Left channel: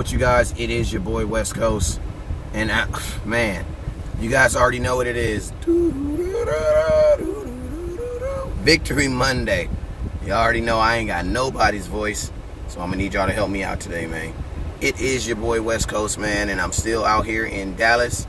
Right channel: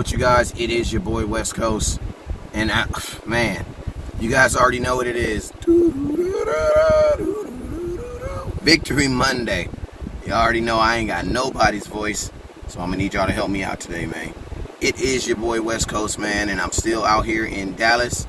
with you guys? It is your boy West Coast, and man, you guys already know what it is. Victory Monday. You already know I ain't got nobody's voice, so I'm gonna need y'all to help me out today, man. It is your boy West Coast, man, and I'm still out here in Dallas.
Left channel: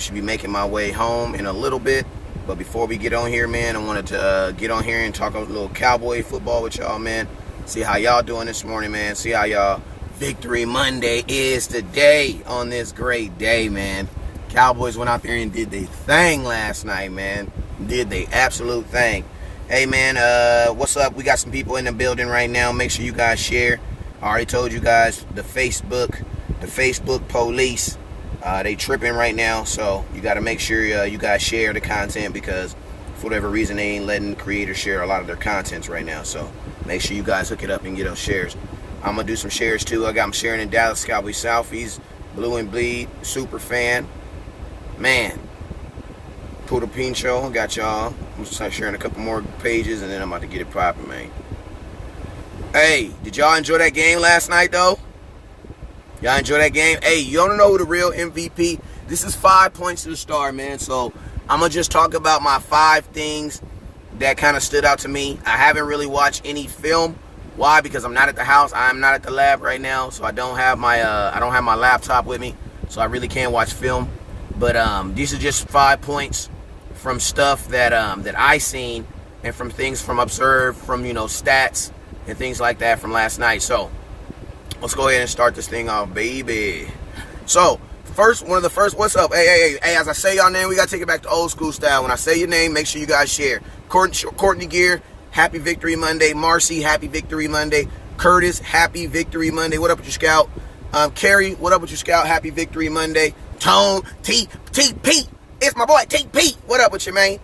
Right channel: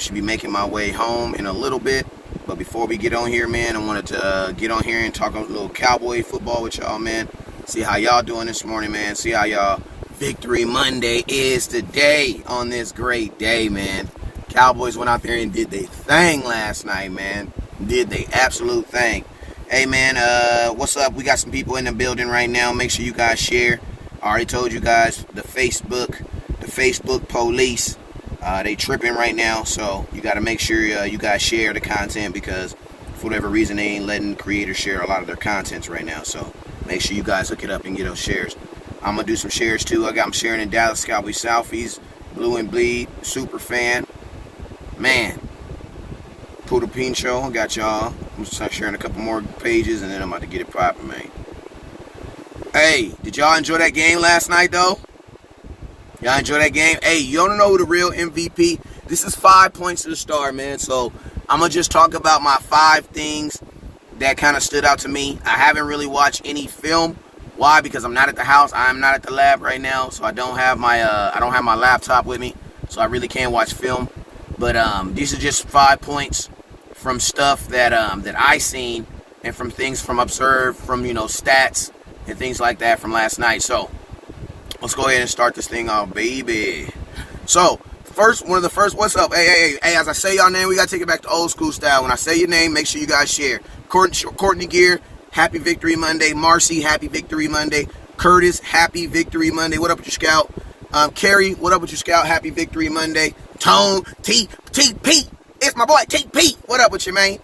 Should be making my way home in a little bit, but before we get on here, man, I wanted to get on here and talk a little Cowboy football with y'all, man. See how y'all doing this morning, man. See how y'all Victory Monday is today on this great day, man. Cowboys went out there and did their thing last night, man. Did they absolute thing. Hey, man, what's up? We got some people in the building right now. Make sure you guys share. I already told you guys the Facebook police, they tripping right now. So you got to make sure you guys share the content, because for whatever reason they ain't letting creators share a lot of their contents right now. So make sure you guys hook it up and get those shares. I'm going to do some shares too. I got them sharing in Dallas, Cowboys Southeast, Blue and Bleed, super fan. Man, Poodle Peen Show, got y'all. I'm going to start sharing a couple more pages and then I'm about to get it popping, man. Hey, did y'all enjoy that game last night though? Y'all enjoy that game? Hey, you don't know who the real MVP? This is 5 points to the star, man. So I'm going to just talk about my 5 things that kind of stood out to me. I haven't really watched any film. Why? Because I'm not at the house. I'm not at the lab right now, so I don't have my laptop with me, so I really can't watch film. But these are just 5 points from stuff that I seen, and from things from observed, from stats and things like that from last night. So let's go ahead and start this thing off, baby. So what's up? Hey, as I say y'all name, we gotta take it back to old school style. When I say your name, make sure you guys share. Courtney Gear, happy Victory Monday. Marcy, happy Victory Monday. Curtis, happy Victory Monday. What up with your scout? Carrie, what up with your scout? Happy Victory Monday. Tone, TP, it's my boy TP. What up with your man?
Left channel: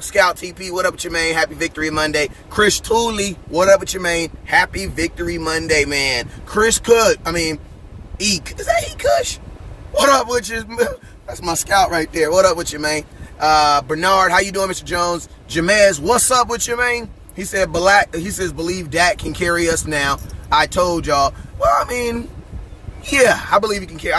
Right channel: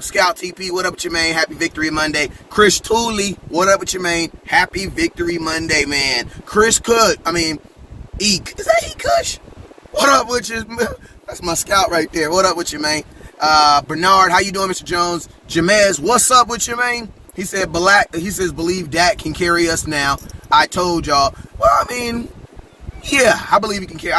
Scout TP, what up with your man? Happy Victory Monday. Chris Tooley, what up with your man? Happy Victory Monday, man. Chris Cook, Eek. Is that Kush? What up with you? That's my scout right there. What up with you, man? Bernard, how you doing, Mr. Jones? Jamez, what's up with you, man? He says, believe Dak can carry us now. I told y'all. Well, yeah, I believe he can carry.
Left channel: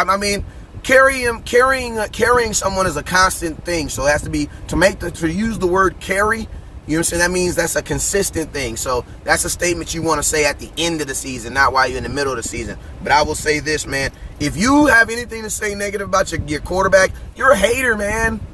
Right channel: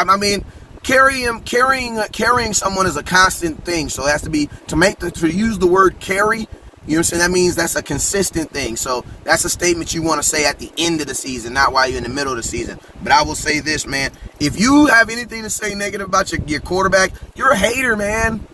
Carrying someone is a constant thing. So it has to be, to use the word carry, you know what I'm saying? That means that's a consistent thing. So that's a statement you want to say at the end of the season, not while you're in the middle of the season. But I will say this, man. If you have anything to say negative about your quarterback, you're a hater, man.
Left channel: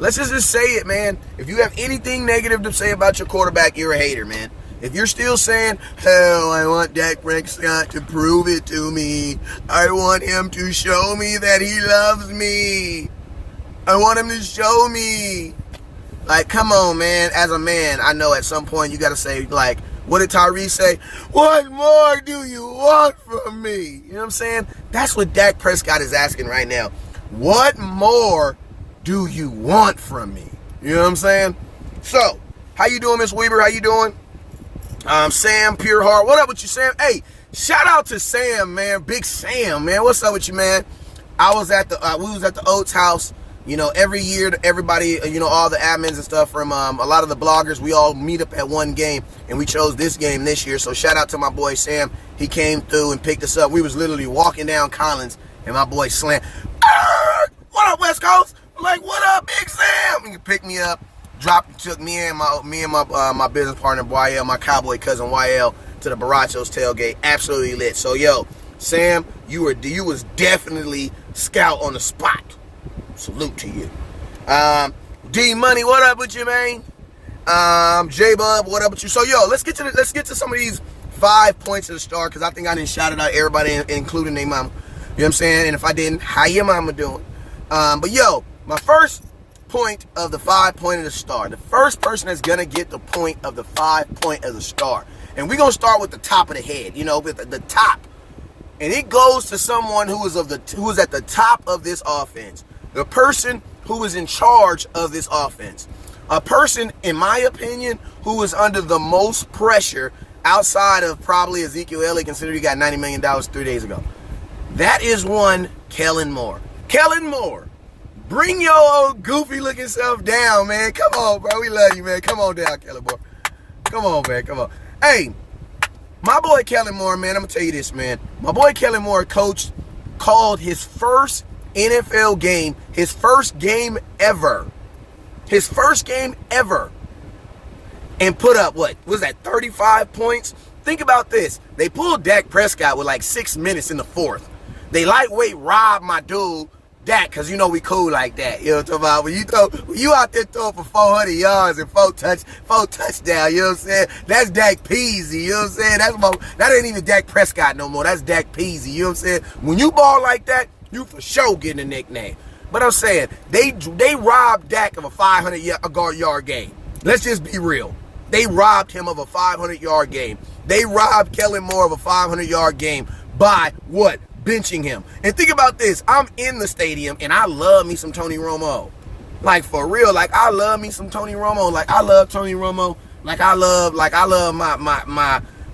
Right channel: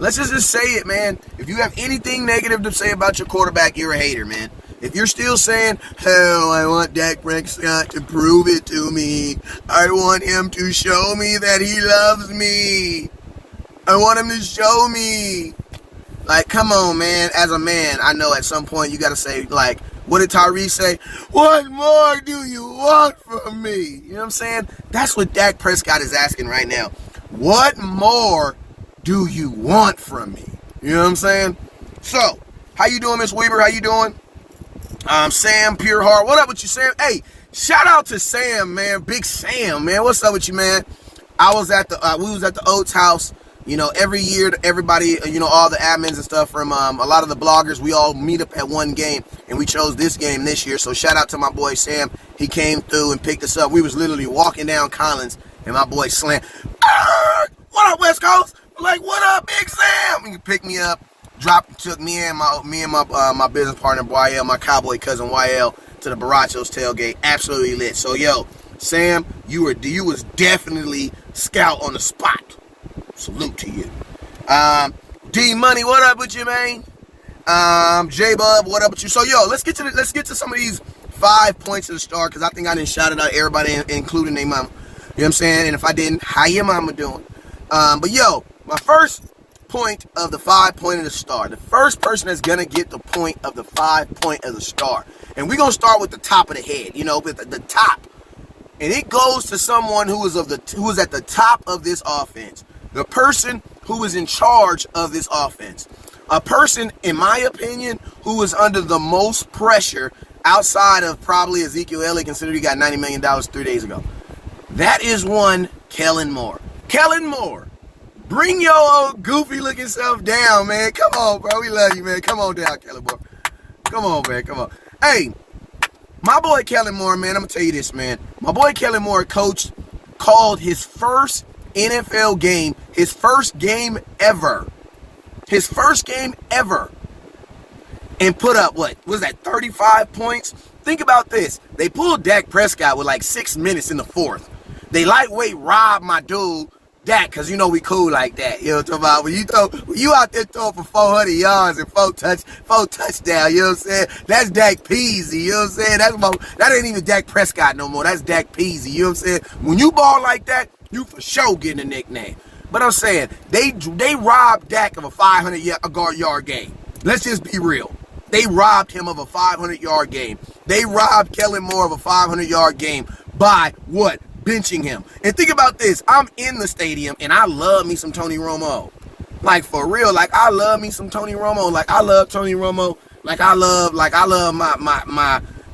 Let's just say it, man. If you have anything negative to say about your quarterback, you're a hater, man. If you're still saying, hell, I want Dak Prescott to prove it to me. I want him to show me that he loves me. I want him to show me. Like, come on, man. As a man, I know at some point you got to say, like, what did Tyrese say? What more do you want from me? You know what I'm saying? That's what Dak Prescott is asking right now. What more do you want from me? You know what I'm saying? So, how you doing, Miss Weaver? How you doing? Sam Pure Heart. What up with you, Sam? Hey, shout out to Sam, man. Big Sam, man. What's up with you, man? We was at the Oates house. Every year, everybody, all the admins and stuff from a lot of the bloggers, we all meet up at one game, and we chose this game this year. So shout out to my boy Sam. He came through and picked us up. We was literally walking down Collins, and my boy Slam, what up, West Coast? I'm like, what up, Big Sam? He picked me up, took me and my business partner YL, my cowboy cousin YL, to the Barachos tailgate. Absolutely lit. So yo, Sam, you was definitely scout on the spot. Salute to you. D Money, what up with you, man? J Bub, what up with you? So yo, let's get to some of these 5 points of the star, because I think I didn't shout it out everybody, including their mama. You know what I'm saying? And if I didn't, how your mama doing? But yo, my first point of the 5 point of the star. The first person that's gonna get the point of the 5 point of the star. And we're gonna start with the top of the head, with the top. And it goes to someone who is at the top of this offense. The person who is in charge of this offense. A person, in my opinion, who is under the most pressure outside of probably Ezekiel Elliott, considering he got $90 million 3 days ago. That is one, Kellen Moore. Kellen Moore, bring your old goofy looking self down, man. Come on, bro. We love you, man. Come on down, Kellen Moore. Come on, man. Come on. Hey, My boy Kellen Moore, man, I'm going to tell you this, man. My boy Kellen Moore called his first NFL game, his first game ever. His first game ever. And put up, what was that, 35 points? Think about this. They pulled Dak Prescott with like 6 minutes in the fourth. They lightweight robbed my dude, Dak, because you know we cool like that. You know what I'm talking about? When you out there throwing for 400 yards and four touchdowns, you know what I'm saying? That's Dak Peasy, you know what I'm saying? That ain't even Dak Prescott no more. That's Dak Peasy, you know what I'm saying? When you ball like that, you for sure getting a nickname. But I'm saying, they robbed Dak of a 500-yard game. Let's just be real. They robbed him of a 500-yard game. They robbed Kellen Moore of a 500-yard game by what? Benching him. And think about this. I'm in the stadium, and I love me some Tony Romo. Like, for real. Like, I love me some Tony Romo. Like, I love Tony Romo. Like, I love my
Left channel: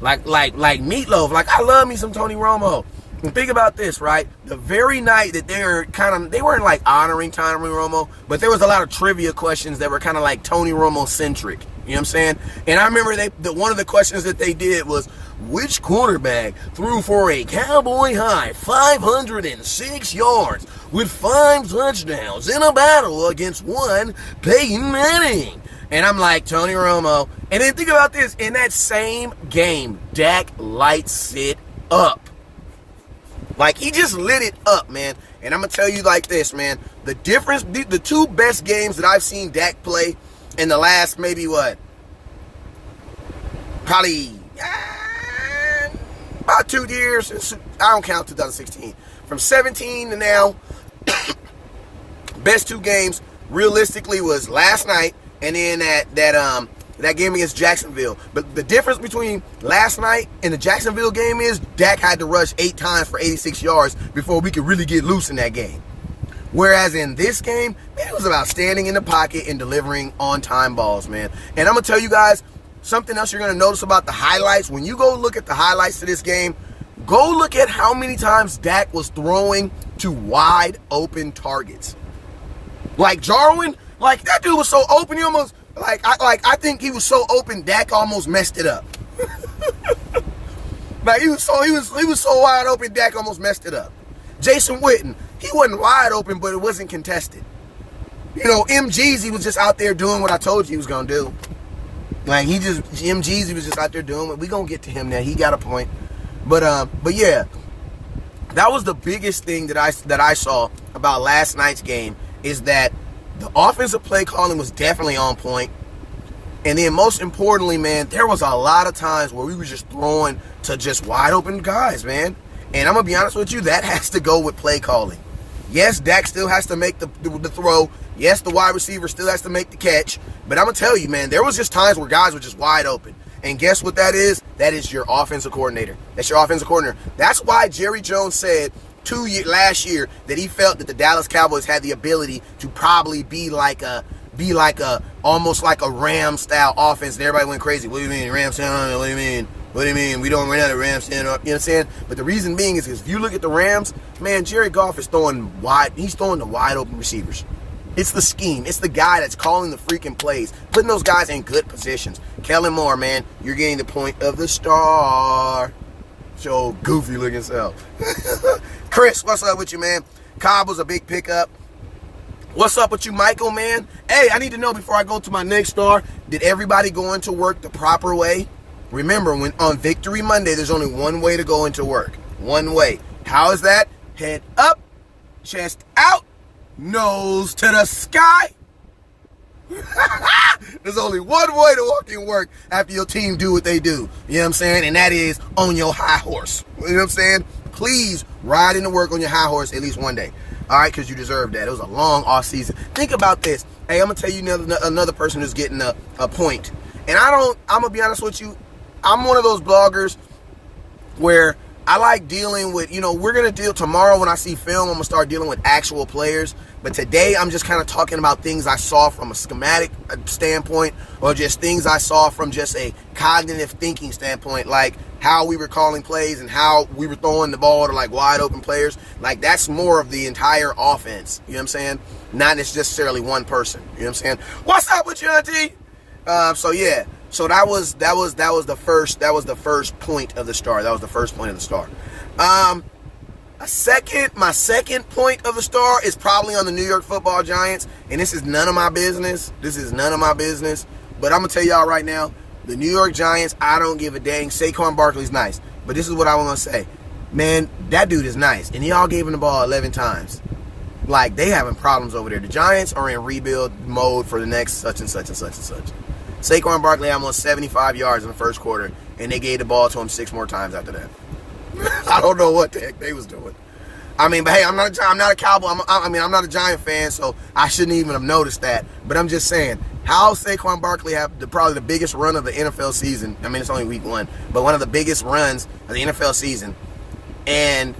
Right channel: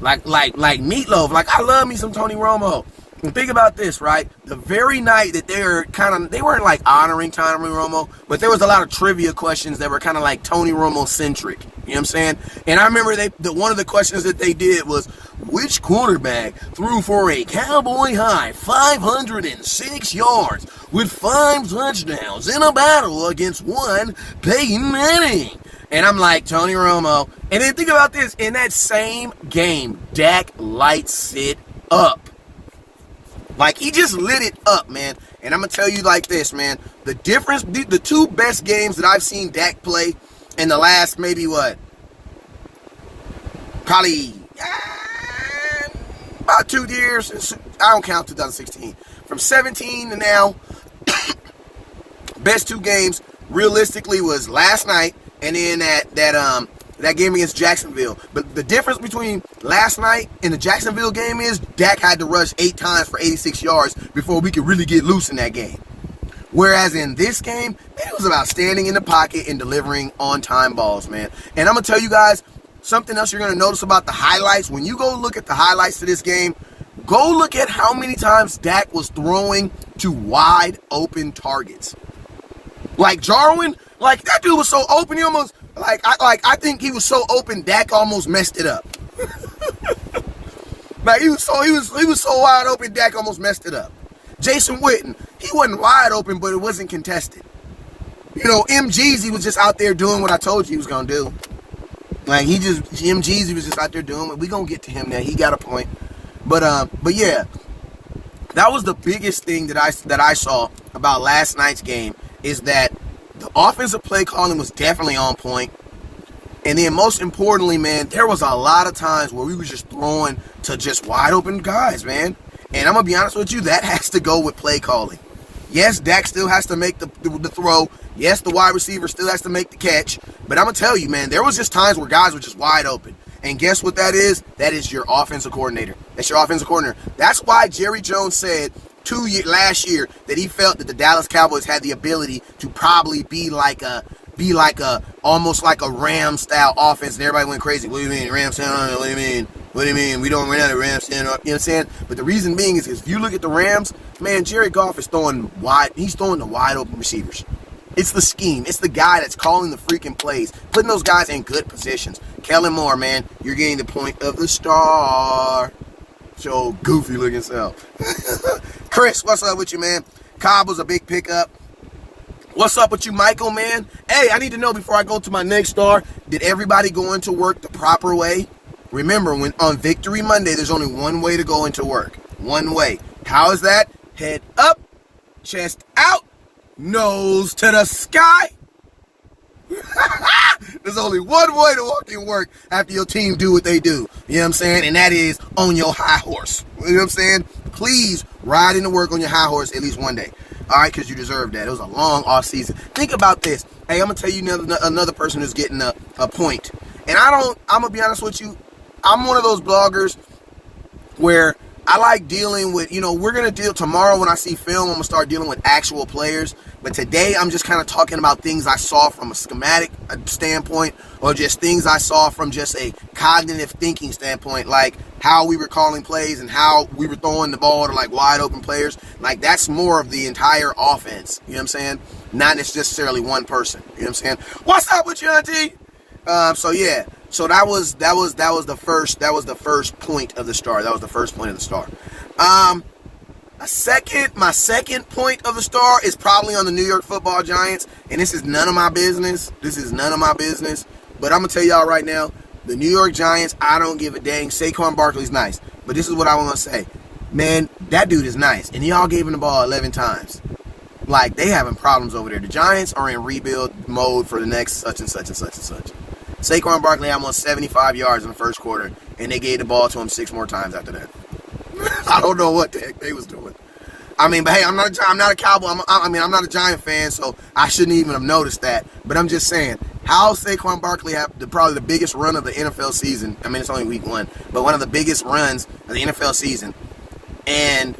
Meatloaf. Like, I love me some Tony Romo. And think about this, right? The very night that they weren't like honoring Tony Romo, but there was a lot of trivia questions that were kind of like Tony Romo centric. You know what I'm saying? And I remember one of the questions that they did was, which quarterback threw for a Cowboy high 506 yards with 5 touchdowns in a battle against one Peyton Manning? And I'm like, Tony Romo. And then think about this. In that same game, Dak lights it up. Like, he just lit it up, man. And I'm going to tell you like this, man. The difference, the two best games that I've seen Dak play in the last maybe what? Probably about 2 years. I don't count 2016. From 17 to now, best 2 games realistically was last night and then that game against Jacksonville. But the difference between last night and the Jacksonville game is Dak had to rush 8 times for 86 yards before we could really get loose in that game. Whereas in this game, man, it was about standing in the pocket and delivering on-time balls, man. And I'm going to tell you guys something else you're going to notice about the highlights. When you go look at the highlights to this game, go look at how many times Dak was throwing to wide open targets. Like Jarwin, like that dude was so open, he almost... I think he was so open, Dak almost messed it up. Like he was so wide open, Dak almost messed it up. Jason Witten, he wasn't wide open, but it wasn't contested. You know, MGZ was just out there doing what I told you he was gonna do. Like MGZ was just out there doing what we gonna get to him now. He got a point, but yeah, that was the biggest thing that I saw about last night's game is that. The offensive play calling was definitely on point. And then most importantly, man, there was a lot of times where we were just throwing to just wide open guys, man. And I'm going to be honest with you, that has to go with play calling. Yes, Dak still has to make the throw. Yes, the wide receiver still has to make the catch. But I'm going to tell you, man, there was just times where guys were just wide open. And guess what that is? That is your offensive coordinator. That's your offensive coordinator. That's why Jerry Jones said last year that he felt that the Dallas Cowboys had the ability to probably be like a almost like a Rams style offense, and everybody went crazy. What do you mean Rams style? What do you mean? What do you mean? We don't run out of Rams style. You know what I'm saying? But the reason being is if you look at the Rams, man, Jared Goff is throwing wide. He's throwing the wide open receivers. It's the scheme. It's the guy that's calling the freaking plays, putting those guys in good positions. Kellen Moore, man, you're getting the point of the star. Your goofy looking self. Chris, what's up with you, man? Cobb was a big pickup. What's up with you, Michael, man? Hey, I need to know before I go to my next star, did everybody go into work the proper way? Remember, when on Victory Monday, there's only one way to go into work. One way. How is that? Head up, chest out, nose to the sky. There's only one way to walk in work after your team do what they do. You know what I'm saying? And that is on your high horse. You know what I'm saying? Please ride into work on your high horse at least one day. All right, because you deserve that. It was a long off season. Think about this. Hey, I'm going to tell you another person who's getting a point. And I'm going to be honest with you. I'm one of those bloggers where I like dealing with, we're going to deal tomorrow when I see film, I'm going to start dealing with actual players. But today I'm just kind of talking about things I saw from a schematic standpoint or just things I saw from just a cognitive thinking standpoint, like how we were calling plays and how we were throwing the ball to like wide open players. Like that's more of the entire offense. You know what I'm saying? Not necessarily one person. You know what I'm saying? What's up with you, Auntie? So yeah. So that was the first point of the star. That was the first point of the star. My second point of the star is probably on the New York Football Giants, and this is none of my business. But I'm gonna tell y'all right now, the New York Giants, I don't give a dang. Saquon Barkley's nice, but this is what I want to say, man. That dude is nice, and y'all gave him the ball 11 times. Like, they having problems over there. The Giants are in rebuild mode for the next such and such and such and such. Saquon Barkley had almost 75 yards in the first quarter, and they gave the ball to him 6 more times after that. I don't know what the heck they was doing. I mean, but hey, I'm not a Cowboy. I'm not a Giant fan, so I shouldn't even have noticed that. But I'm just saying, how Saquon Barkley had probably the biggest run of the NFL season. I mean, it's only week 1, but one of the biggest runs of the NFL season, and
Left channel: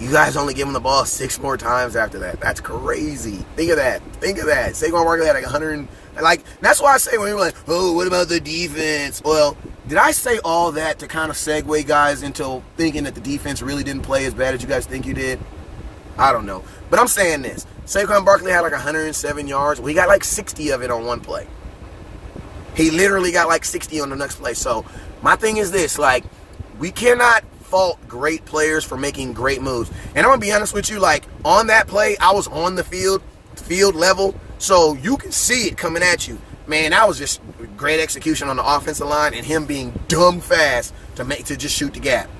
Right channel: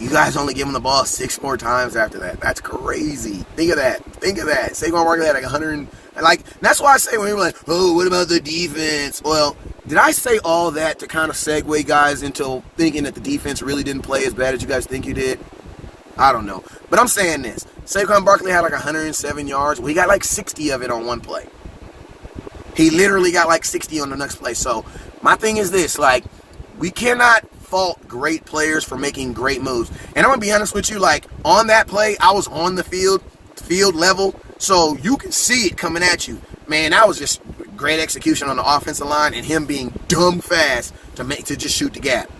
you guys only give him the ball 6 more times after that. That's crazy. Think of that. Saquon Barkley had like 100. Like, that's why I say when people are like, oh, what about the defense? Well, did I say all that to kind of segue guys into thinking that the defense really didn't play as bad as you guys think you did? I don't know. But I'm saying this. Saquon Barkley had like 107 yards. Well, he got like 60 of it on one play. He literally got like 60 on the next play. So my thing is this. Like, we cannot fault great players for making great moves. And I'm going to be honest with you. Like, on that play, I was on the field level. So you can see it coming at you. Man, that was just great execution on the offensive line and him being dumb fast to just shoot the gap.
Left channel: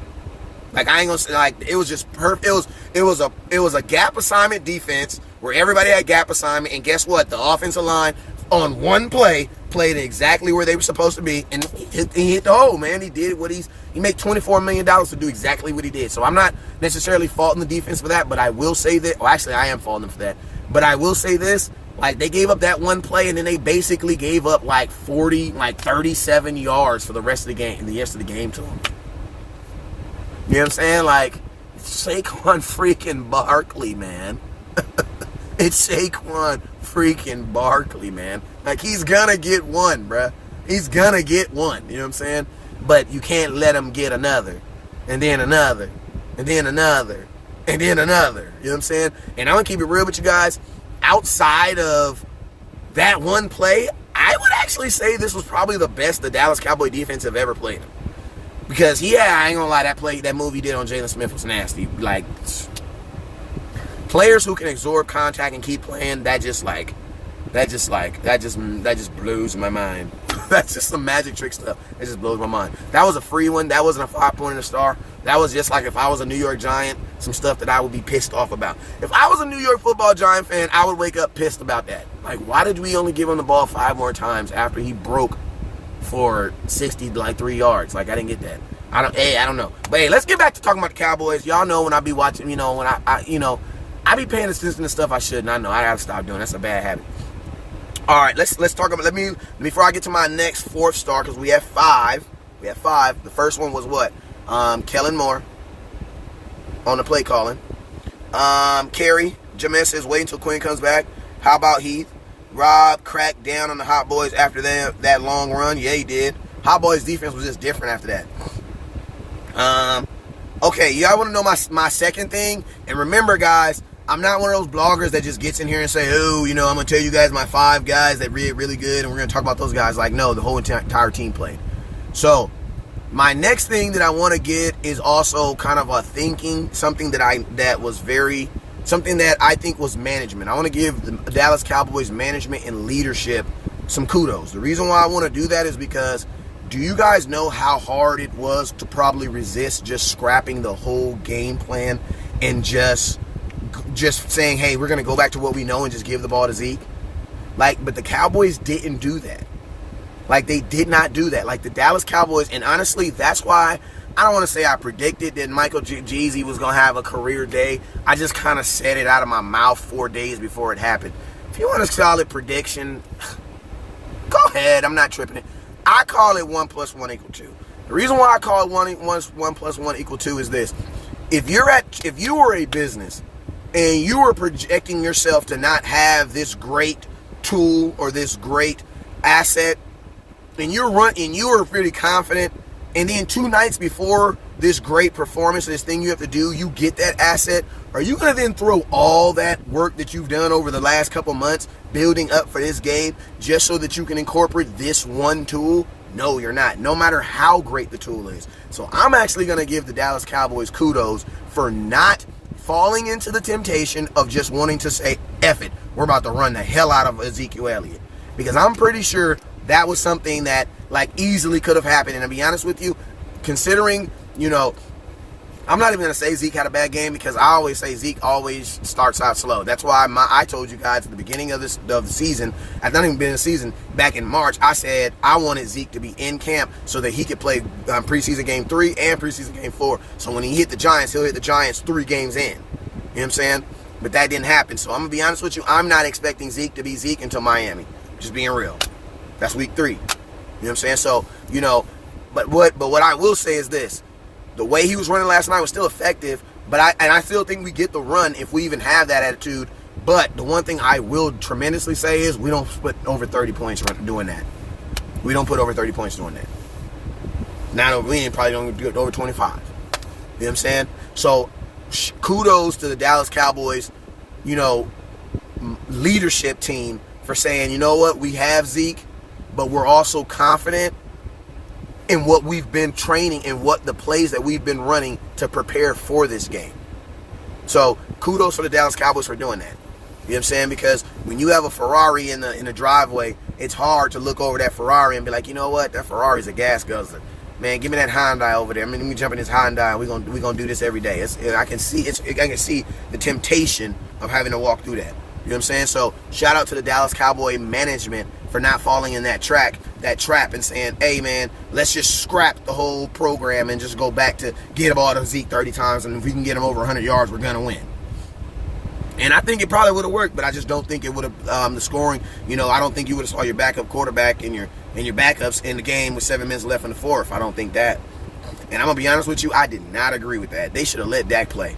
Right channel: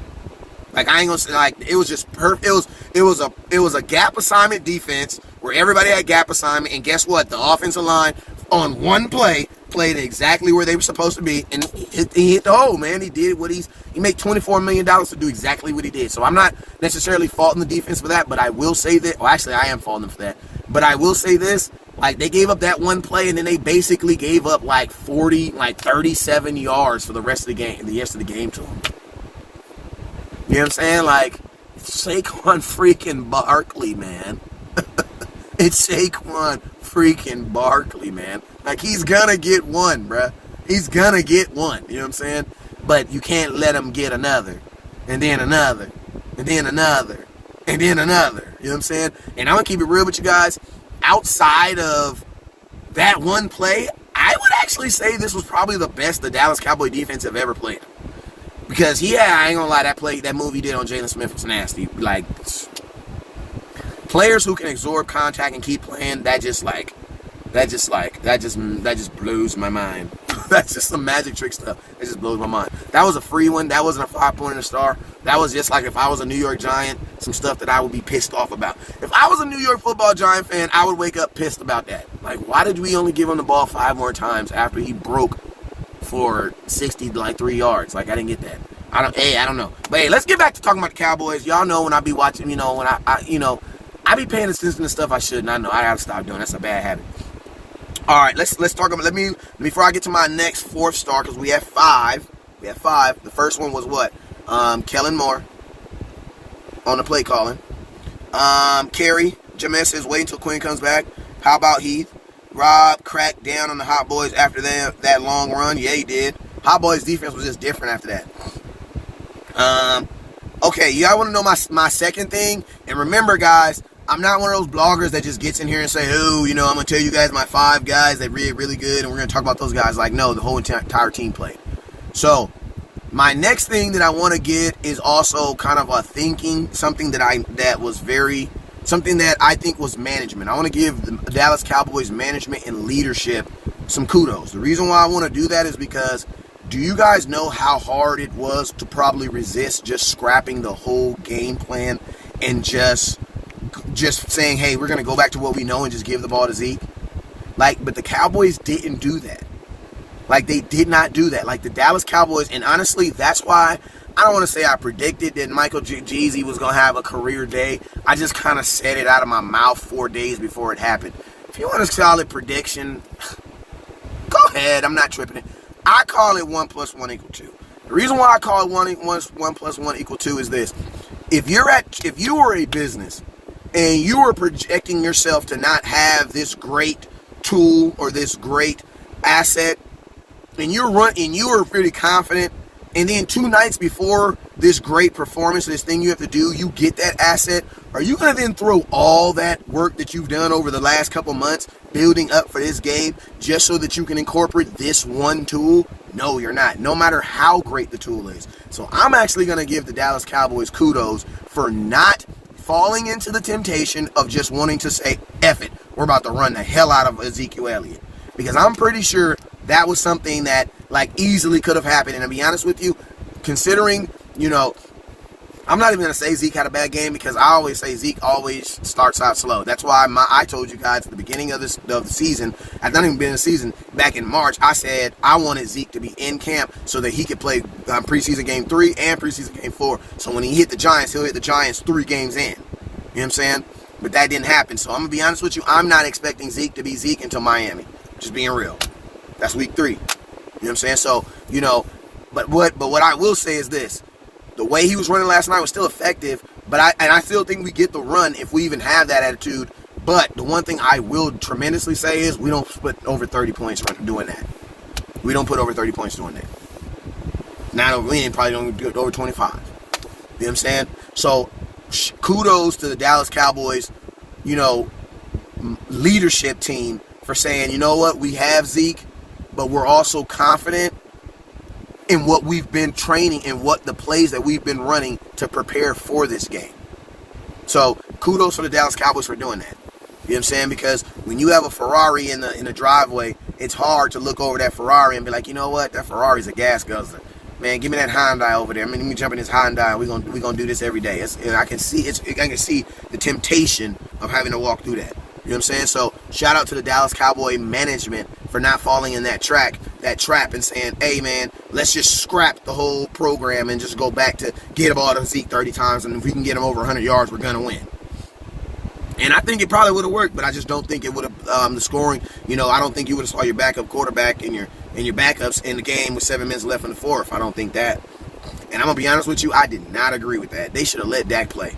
Like, I ain't gonna say, like, it was just perfect. It was a gap assignment defense where everybody had gap assignment, and guess what? The offensive line on one play played exactly where they were supposed to be, and he hit the hole, man. He did what he made $24 million to do exactly what he did. So I'm not necessarily faulting the defense for that, but I will say that. Well, actually, I am faulting them for that. But I will say this. Like, they gave up that one play, and then they basically gave up like 37 yards for the rest of the game to them. You know what I'm saying? Like, it's Saquon freaking Barkley, man. It's Saquon freaking Barkley, man. Like, he's gonna get one, bruh. He's gonna get one. You know what I'm saying? But you can't let him get another, and then another, and then another, and then another. You know what I'm saying? And I'm gonna keep it real with you guys. Outside of that one play, I would actually say this was probably the best the Dallas Cowboy defense have ever played. Because, yeah, I ain't gonna lie, that move he did on Jalen Smith was nasty. Like, players who can absorb contact and keep playing, that just blows my mind. That's just some magic trick stuff. It just blows my mind. That was a free one. That wasn't a 5-point star. That was just like if I was a New York Giant, some stuff that I would be pissed off about. If I was a New York Football Giant fan, I would wake up pissed about that. Like, why did we only give him the ball 5 more times after he broke for 3 yards? Like, I didn't get that. I don't know. But hey, let's get back to talking about the Cowboys. Y'all know when I be watching, when I be paying attention to stuff I shouldn't. I know I gotta stop doing. That's a bad habit. All right, let's talk about. Let me before I get to my next 4th star, because we have 5. The first one was what? Kellen Moore on the play calling. Kerry Jameis says wait until Quinn comes back. How about Heath? Rob cracked down on the Hot Boys after that long run. Yeah, he did. Hot Boys defense was just different after that. Okay, y'all want to know my second thing? And remember, guys, I'm not one of those bloggers that just gets in here and say, oh, I'm going to tell you guys my 5 guys that really, really good, and we're going to talk about those guys. Like, no, the whole entire team played. So, my next thing that I want to get is also kind of a thinking, something that I think was management. I want to give the Dallas Cowboys management and leadership some kudos. The reason why I want to do that is because, do you guys know how hard it was to probably resist just scrapping the whole game plan and just saying, hey, we're going to go back to what we know and just give the ball to Zeke? Like, but the Cowboys didn't do that. Like, they did not do that. Like, the Dallas Cowboys, and honestly, that's why I don't want to say I predicted that Michael Jeezy was going to have a career day. I just kind of said it out of my mouth 4 days before it happened. If you want a solid prediction, go ahead. I'm not tripping it. I call it 1 + 1 = 2. The reason why I call it 1 + 1 = 2 is this. If you were a business and you were projecting yourself to not have this great tool or this great asset, and you were pretty confident, and then 2 nights before this great performance, this thing you have to do, you get that asset, are you going to then throw all that work that you've done over the last couple months building up for this game just so that you can incorporate this one tool? No, you're not, no matter how great the tool is. So I'm actually going to give the Dallas Cowboys kudos for not falling into the temptation of just wanting to say, F it, we're about to run the hell out of Ezekiel Elliott. Because I'm pretty sure that was something that like easily could have happened. And to be honest with you, considering, I'm not even going to say Zeke had a bad game, because I always say Zeke always starts out slow. That's why I told you guys at the beginning of the season, I've not even been in the season, back in March, I said I wanted Zeke to be in camp so that he could play preseason game 3 and preseason game 4. So when he hit the Giants, he'll hit the Giants 3 games in. You know what I'm saying? But that didn't happen. So I'm going to be honest with you, I'm not expecting Zeke to be Zeke until Miami. Just being real. That's week 3. You know what I'm saying? So, but what I will say is this. The way he was running last night was still effective, but I still think we get the run if we even have that attitude. But the one thing I will tremendously say is we don't put over 30 points doing that. We don't put over 30 points doing that. We probably don't do it over 25. You know what I'm saying? So kudos to the Dallas Cowboys, leadership team for saying, you know what, we have Zeke, but we're also confident in what we've been training and what the plays that we've been running to prepare for this game. So kudos for the Dallas Cowboys for doing that. You know what I'm saying? Because when you have a Ferrari in the driveway, it's hard to look over that Ferrari and be like, you know what, that Ferrari's a gas guzzler. Man, give me that Hyundai over there. Let me jump in this Hyundai. We're gonna do this every day. I can see the temptation of having to walk through that. You know what I'm saying? So shout out to the Dallas Cowboy management for not falling in that trap and saying, hey man, let's just scrap the whole program and just go back to get the ball to Zeke 30 times, and if we can get him over 100 yards, we're going to win. And I think it probably would have worked, but I just don't think it would have, the scoring, I don't think you would have saw your backup quarterback and your backups in the game with 7 minutes left in the fourth. I don't think that. And I'm going to be honest with you, I did not agree with that. They should have let Dak play.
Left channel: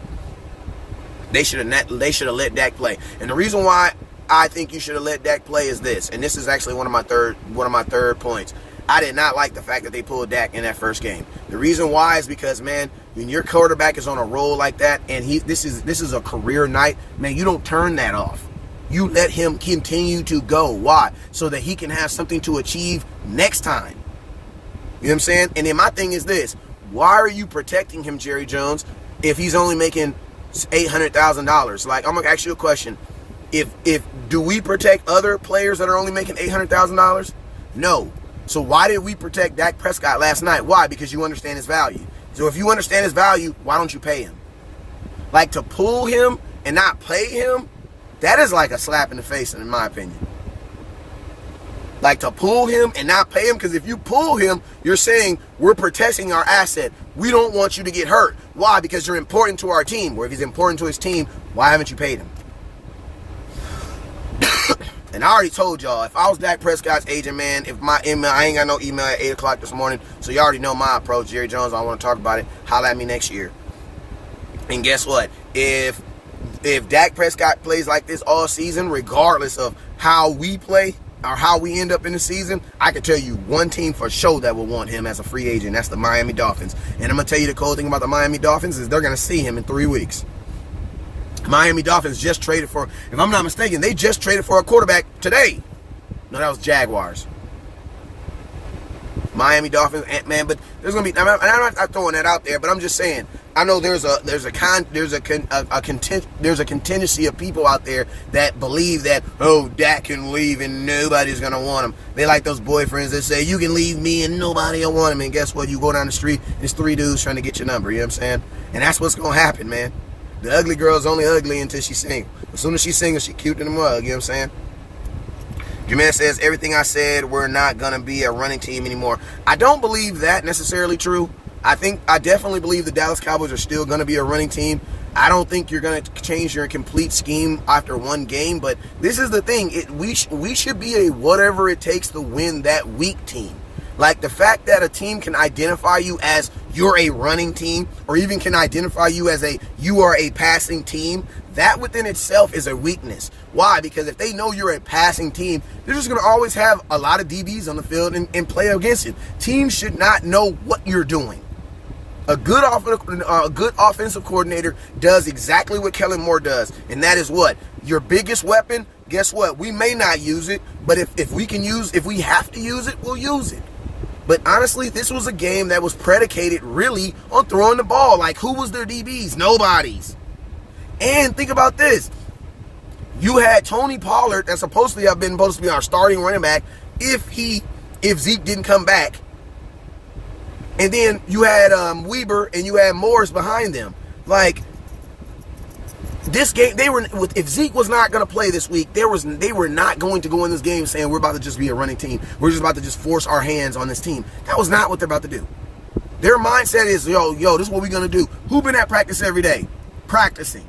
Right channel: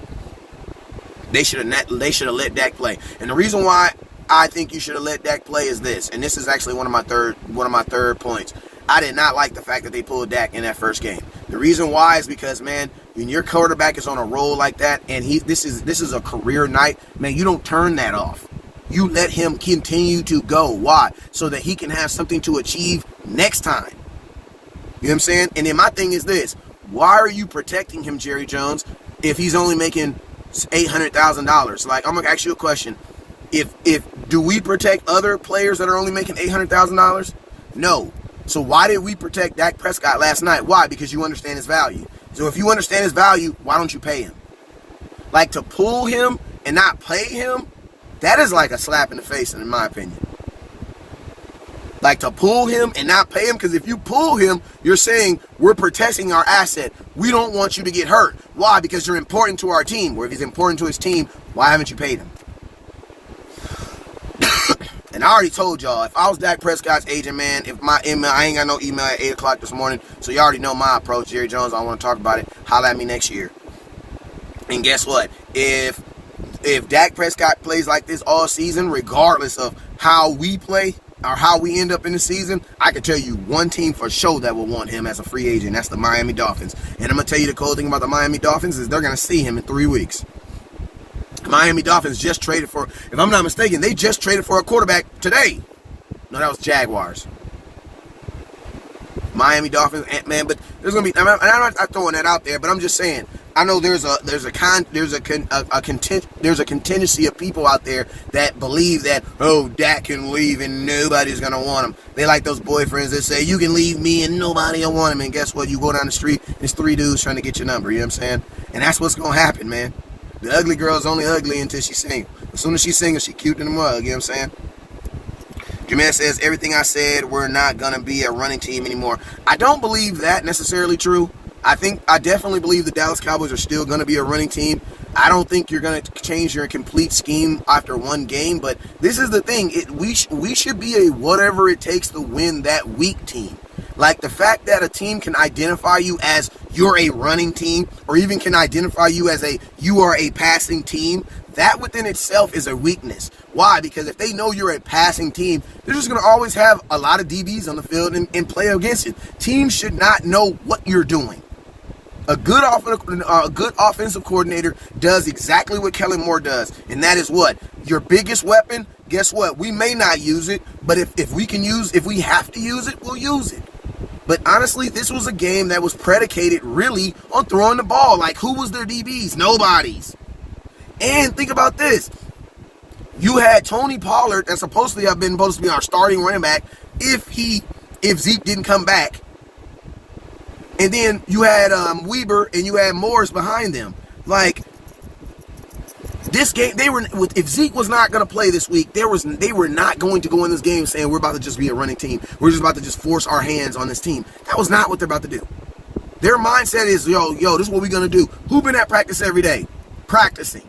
They should have let Dak play. And the reason why I think you should have let Dak play is this, and this is actually one of my third points. I did not like the fact that they pulled Dak in that first game. The reason why is because, man, when your quarterback is on a roll like that, and this is a career night, man, you don't turn that off. You let him continue to go. Why? So that he can have something to achieve next time. You know what I'm saying? And then my thing is this: why are you protecting him, Jerry Jones, if he's only making $800,000? Like, I'm gonna ask you a question. If do we protect other players that are only making $800,000? No. So why did we protect Dak Prescott last night? Why? Because you understand his value. So if you understand his value, why don't you pay him? Like, to pull him and not pay him, that is like a slap in the face, in my opinion. Like, to pull him and not pay him, because if you pull him, you're saying we're protecting our asset. We don't want you to get hurt. Why? Because you're important to our team. Where if he's important to his team, why haven't you paid him? And I already told y'all, if I was Dak Prescott's agent, man, if my email, I ain't got no email at 8 o'clock this morning, so you already know my approach. Jerry Jones, I want to talk about it. Holla at me next year. And guess what? If Dak Prescott plays like this all season, regardless of how we play or how we end up in the season, I can tell you one team for sure that will want him as a free agent. That's the Miami Dolphins. And I'm going to tell you the cool thing about the Miami Dolphins is they're going to see him in 3 weeks. Miami Dolphins just traded for, if I'm not mistaken, they just traded for a quarterback today. No, that was Jaguars. Miami Dolphins, man, but there's gonna be. I'm not throwing that out there, but I'm just saying. I know there's a contingency of people out there that believe that, oh, Dak can leave and nobody's gonna want him. They like those boyfriends that say you can leave me and nobody will want him. And guess what? You go down the street, there's 3 dudes trying to get your number. You know what I'm saying? And that's what's gonna happen, man. The ugly girl's only ugly until she's single. As soon as she's single, she cute in the mug. You know what I'm saying? Jermaine says, everything I said, we're not going to be a running team anymore. I don't believe that necessarily true. I definitely believe the Dallas Cowboys are still going to be a running team. I don't think you're going to change your complete scheme after one game, but this is the thing. We should be a whatever it takes to win that week team. Like, the fact that a team can identify you as you're a running team, or even can identify you as you are a passing team, that within itself is a weakness. Why? Because if they know you're a passing team, they're just going to always have a lot of DBs on the field and play against it. Teams should not know what you're doing. A good offensive coordinator does exactly what Kellen Moore does, and that is what? Your biggest weapon. Guess what? We may not use it, but if we have to use it, we'll use it. But honestly, this was a game that was predicated really on throwing the ball. Like, who was their DBs? Nobody's. And think about this. You had Tony Pollard, that's supposed to be our starting running back if Zeke didn't come back. And then you had Weber and you had Morris behind them. Like, this game, if Zeke was not going to play this week, they were not going to go in this game saying we're about to just be a running team. We're just about to just force our hands on this team. That was not what they're about to do. Their mindset is, yo, this is what we're going to do. Who been at practice every day? Practicing.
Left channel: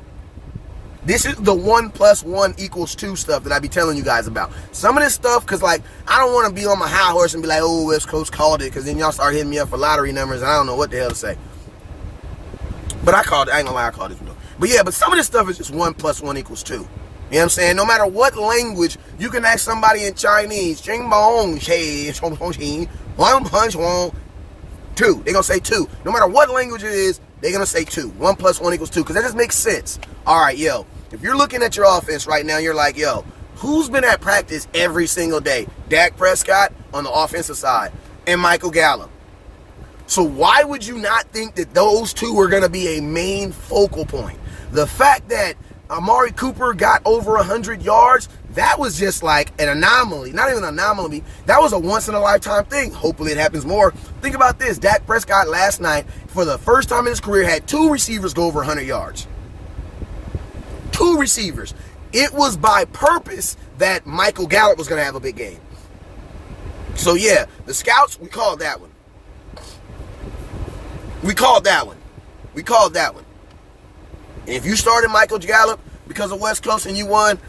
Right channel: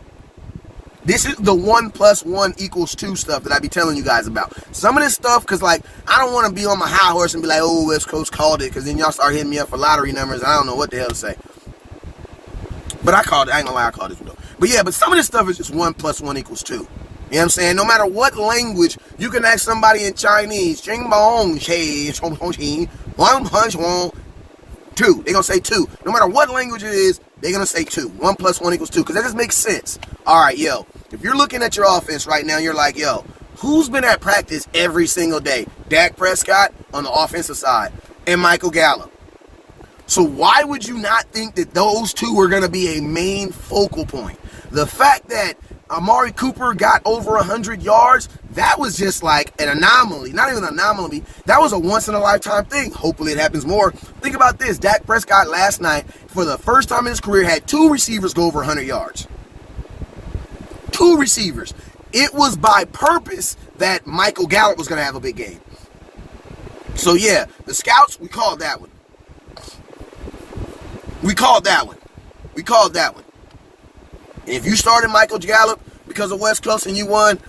This is the 1 + 1 = 2 stuff that I be telling you guys about. Some of this stuff, because, like, I don't want to be on my high horse and be like, oh, West Coast called it, because then y'all start hitting me up for lottery numbers, and I don't know what the hell to say. But I called it. I ain't gonna lie, I called it. But yeah, but some of this stuff is just 1 + 1 = 2. You know what I'm saying? No matter what language, you can ask somebody in Chinese, Ching Bong, Che, Chong Hong Chi, Wang Punch Wong, 2. They're gonna say 2. No matter what language it is, they're gonna say 2. 1 + 1 = 2, because that just makes sense. All right, yo. If you're looking at your offense right now, you're like, yo, who's been at practice every single day? Dak Prescott on the offensive side and Michael Gallup. So why would you not think that those two are going to be a main focal point? The fact that Amari Cooper got over 100 yards, that was just like an anomaly. Not even an anomaly. That was a once-in-a-lifetime thing. Hopefully it happens more. Think about this. Dak Prescott last night, for the first time in his career, had 2 receivers go over 100 yards. 2 receivers. It was by purpose that Michael Gallup was going to have a big game. So yeah, the scouts, we called that one. We called that one. And if you started Michael Gallup because of West Coast and you won,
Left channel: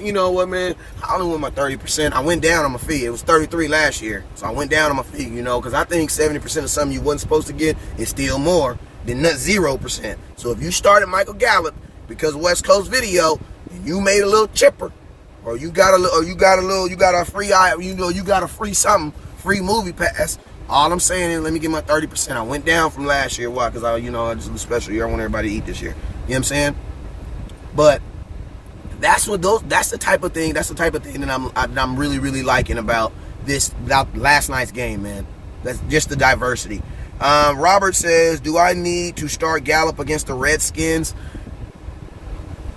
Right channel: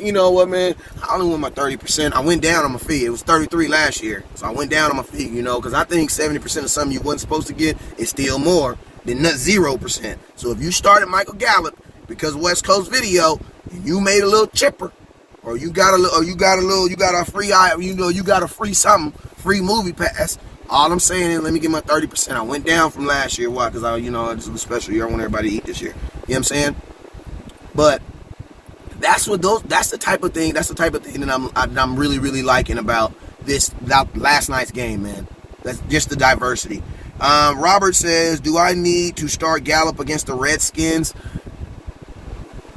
you know what, man? I only won my 30%. I went down on my fee. It was 33 last year. So I went down on my fee, because I think 70% of something you wasn't supposed to get is still more than 0%. So if you started Michael Gallup because West Coast video, you made a little chipper, or you got a free something, free movie pass. All I'm saying is, let me get my 30%. I went down from last year. Why? Because this is a special year. I want everybody to eat this year. You know what I'm saying? But that's the type of thing that I'm really, really liking about last night's game, man. That's just the diversity. Robert says, do I need to start Gallup against the Redskins?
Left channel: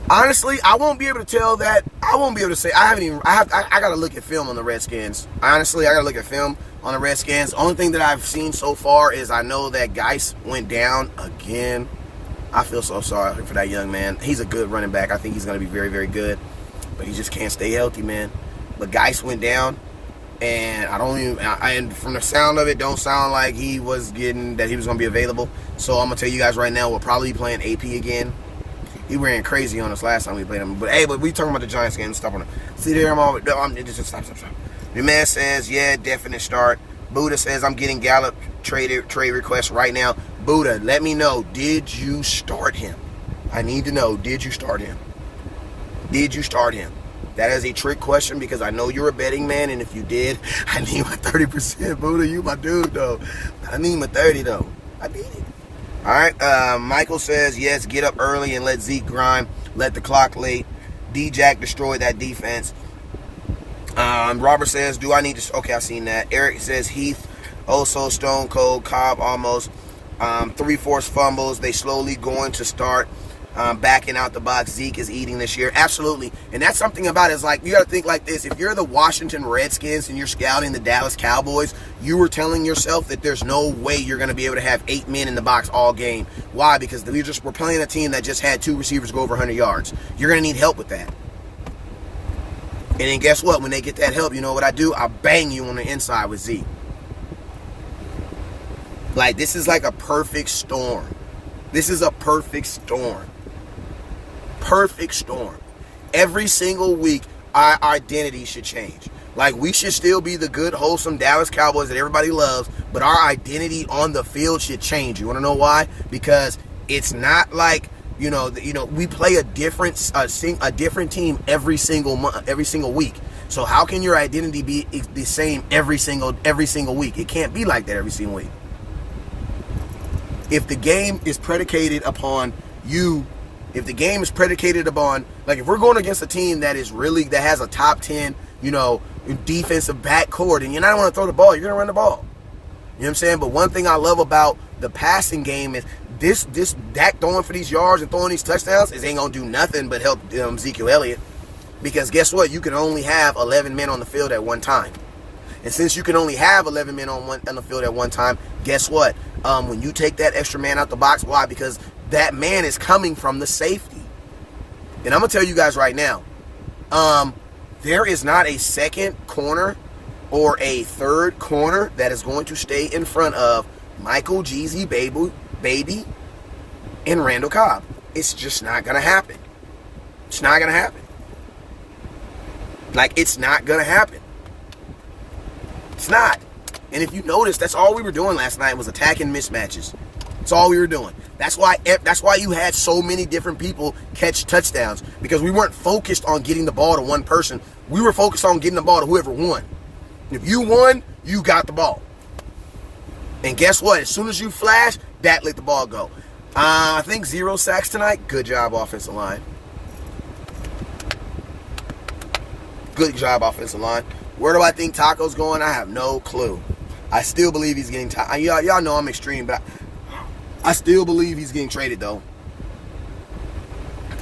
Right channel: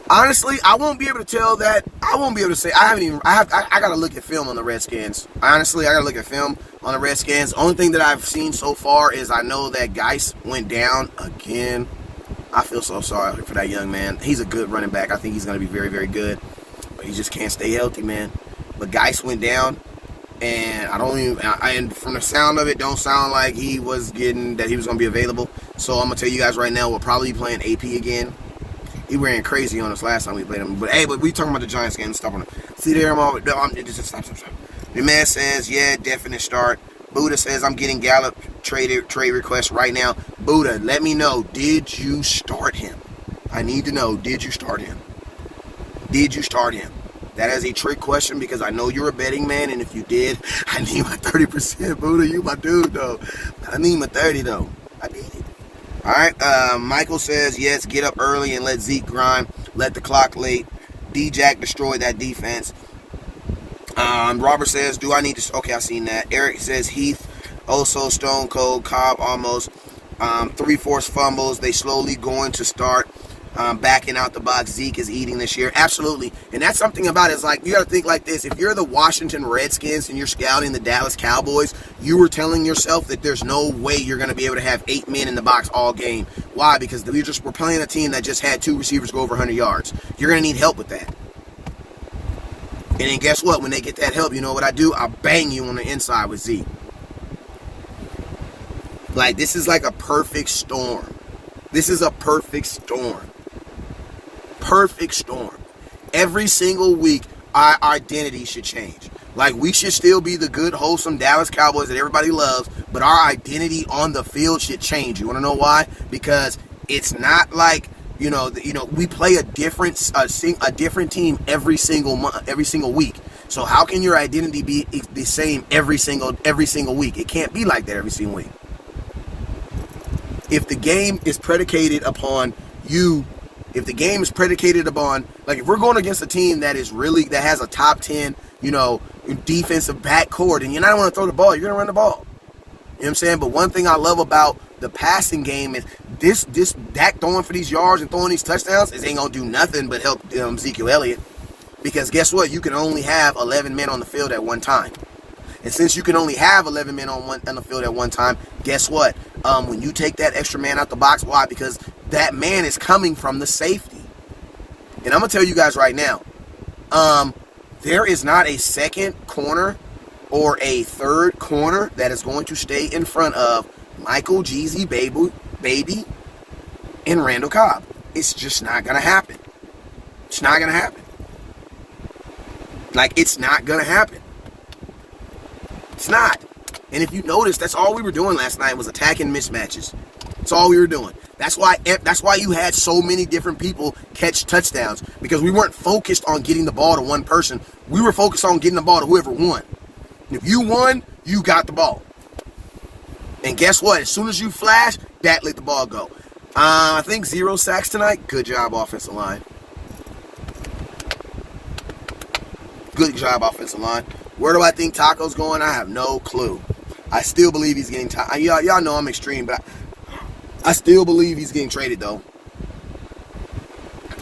Honestly, I won't be able to tell that. I won't be able to say. I got to look at film on the Redskins. Honestly, I got to look at film on the Redskins. Only thing that I've seen so far is I know that Geis went down again. I feel so sorry for that young man. He's a good running back. I think he's going to be very, very good. But he just can't stay healthy, man. But Geis went down, and and from the sound of it, don't sound like he was going to be available. So I'm going to tell you guys right now, we'll probably be playing AP again. He ran crazy on us last time we played him. But hey, we talking about the Giants game. Stop on it. See there, stop. The man says, yeah, definite start. Buddha says, I'm getting Gallup trade request right now. Buddha, let me know. Did you start him? I need to know. Did you start him? Did you start him? That is a trick question because I know you're a betting man, and if you did, I need my 30%. Buddha, you my dude, though. I need my 30, though. I need it. All right, Michael says, yes, get up early and let Zeke grind. Let the clock late. D-Jack destroy that defense. Robert says, do I need to... Okay, I've seen that. Eric says, Heath, also Stone Cold, Cobb almost. 3 forced fumbles. They slowly going to start backing out the box. Zeke is eating this year. Absolutely. And that's something about it. It's like, you got to think like this. If you're the Washington Redskins and you're scouting the Dallas Cowboys, you were telling yourself that there's no way you're going to be able to have 8 men in the box all game. Why? Because we're playing a team that just had 2 receivers go over 100 yards. You're going to need help with that. And then guess what? When they get that help, you know what I do? I bang you on the inside with Zeke. Like, this is like a perfect storm. This is a perfect storm. Perfect storm. Every single week, our identity should change. Like, we should still be the good, wholesome Dallas Cowboys that everybody loves, but our identity on the field should change. You want to know why? Because it's not like, we play a different team every single week. So how can your identity be the same every single week? It can't be like that every single week. if the game is predicated upon if the game is predicated upon, like, if we're going against a team that has a top 10, defensive backcourt, and you're not going to throw the ball, you're going to run the ball. You know what I'm saying? But one thing I love about the passing game is this Dak throwing for these yards and throwing these touchdowns ain't going to do nothing but help Ezekiel Elliott. Because guess what? You can only have 11 men on the field at one time. And since you can only have 11 men on the field at one time, guess what? When you take that extra man out the box, why? Because that man is coming from the safety. And I'm going to tell you guys right now, there is not a second corner or a third corner that is going to stay in front of Michael Jeezy Baby and Randall Cobb. It's just not going to happen. It's not going to happen. Like, it's not going to happen. It's not. And if you notice, that's all we were doing last night was attacking mismatches. That's all we were doing. That's why you had so many different people catch touchdowns, because we weren't focused on getting the ball to one person. We were focused on getting the ball to whoever won. If you won, you got the ball. And guess what? As soon as you flash, that let the ball go. I think 0 sacks tonight. Good job, offensive line. Good job, offensive line. Where do I think Taco's going? I have no clue. I still believe he's getting y'all know I'm extreme, but I still believe he's getting traded, though.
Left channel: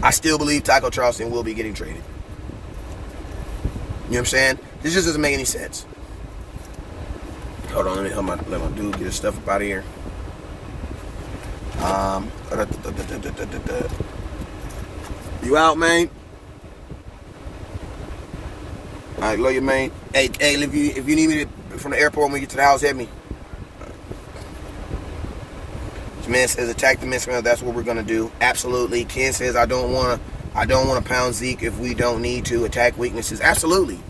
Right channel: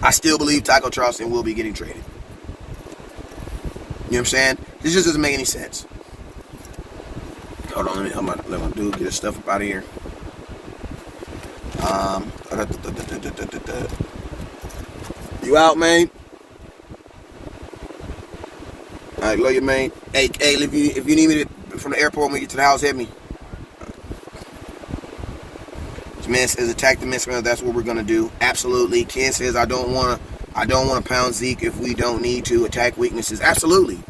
I still believe Taco Charleston will be getting traded. You know what I'm saying? This just doesn't make any sense. Hold on, let my dude get his stuff up out of here. You out, man? All right, love you, man. Hey, if you need me from the airport when we get to the house, hit me. This man says attack the mismatch. That's what we're gonna do. Absolutely. Ken says I don't want to pound Zeke if we don't need to. Attack weaknesses. Absolutely.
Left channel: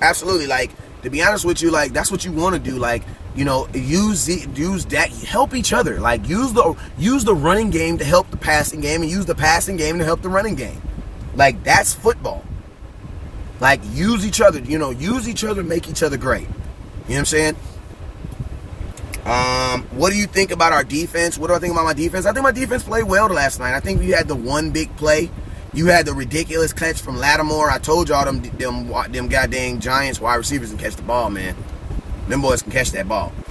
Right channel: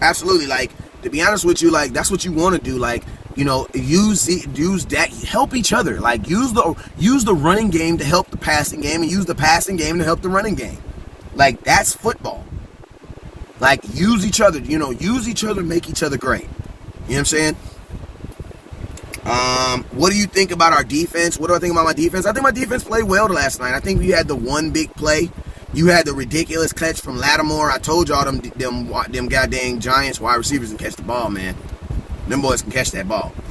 Like, to be honest with you, like, that's what you want to do. Like, use that, help each other. Like, use the running game to help the passing game, and use the passing game to help the running game. Like, that's football. Like, use each other, make each other great. You know what I'm saying? What do you think about our defense? What do I think about my defense? I think my defense played well last night. I think we had the one big play. You had the ridiculous catch from Lattimore. I told y'all them goddamn Giants wide receivers can catch the ball, man. Them boys can catch that ball. You know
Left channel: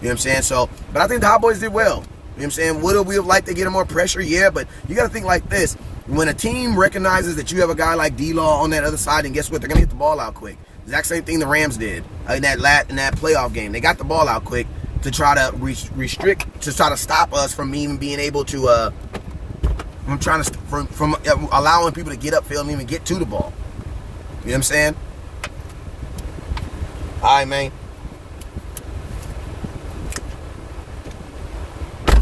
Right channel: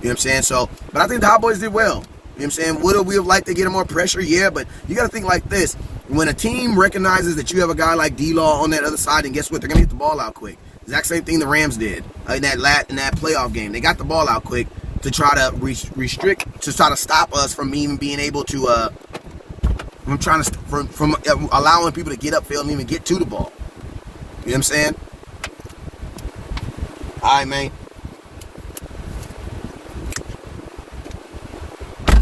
what I'm saying? So, but I think the Cowboys did well. You know what I'm saying? Would we have liked to get more pressure? Yeah, but you got to think like this. When a team recognizes that you have a guy like D-Law on that other side, and guess what? They're going to get the ball out quick. Exact same thing the Rams did in that playoff game. They got the ball out quick to try to to try to stop us from even being able to, from allowing people to get upfield and even get to the ball. You know what I'm saying? All right, man.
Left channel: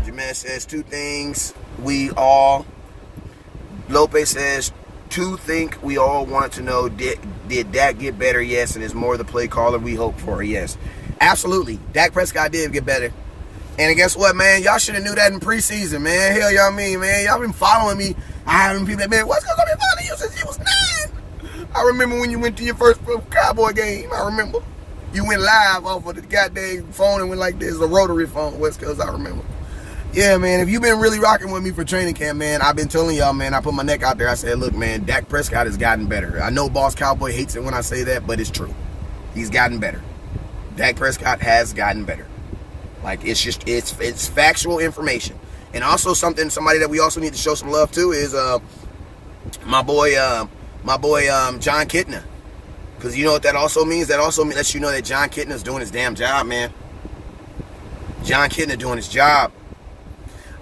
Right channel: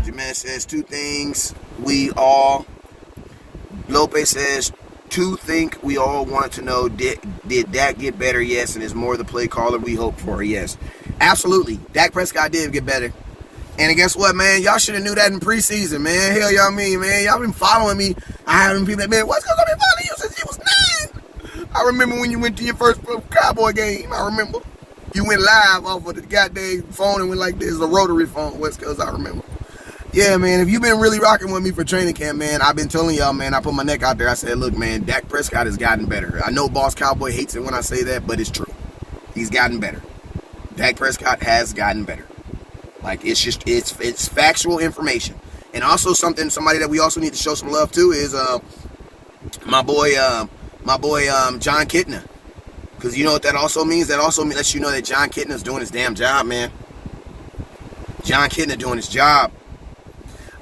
Jaman says two things Lopez says, we all wanted to know, did Dak get better? Yes. And is more the play caller we hope for? Yes. Absolutely. Dak Prescott did get better. And guess what, man? Y'all should have knew that in preseason, man. Hell, y'all mean, man. Y'all been following me. I haven't people that, man, what's going to be following you since you was 9? I remember when you went to your first Cowboy game. I remember. You went live off of the goddamn phone and went like this, a rotary phone, West Coast, I remember. Yeah, man, if you've been really rocking with me for training camp, man, I've been telling y'all, man, I put my neck out there. I said, look, man, Dak Prescott has gotten better. I know Boss Cowboy hates it when I say that, but it's true. He's gotten better. Dak Prescott has gotten better. Like, it's factual information. And also somebody that we also need to show some love to is my boy John Kitna. Because you know what that also means? That also lets you know that John Kitna's doing his damn job, man. John Kitna doing his job.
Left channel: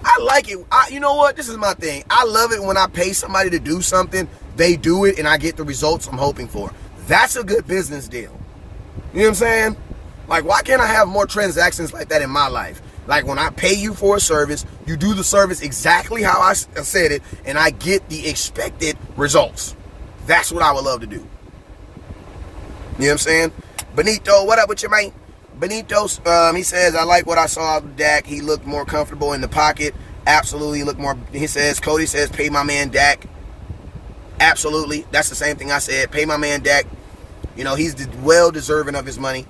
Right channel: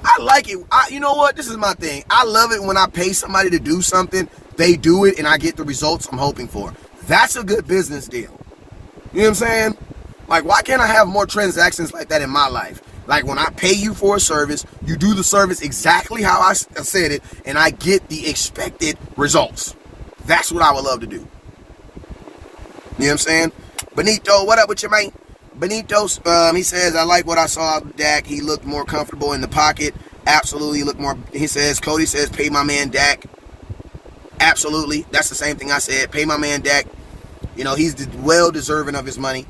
I like it. You know what? This is my thing. I love it when I pay somebody to do something, they do it, and I get the results I'm hoping for. That's a good business deal. You know what I'm saying? Like, why can't I have more transactions like that in my life? Like, when I pay you for a service, you do the service exactly how I said it, and I get the expected results. That's what I would love to do. You know what I'm saying? Benito, what up with you, man? Benito, he says, I like what I saw out of Dak. He looked more comfortable in the pocket. Absolutely looked more. He says, Cody says, pay my man Dak. Absolutely. That's the same thing I said. Pay my man Dak. You know, he's well deserving of his money.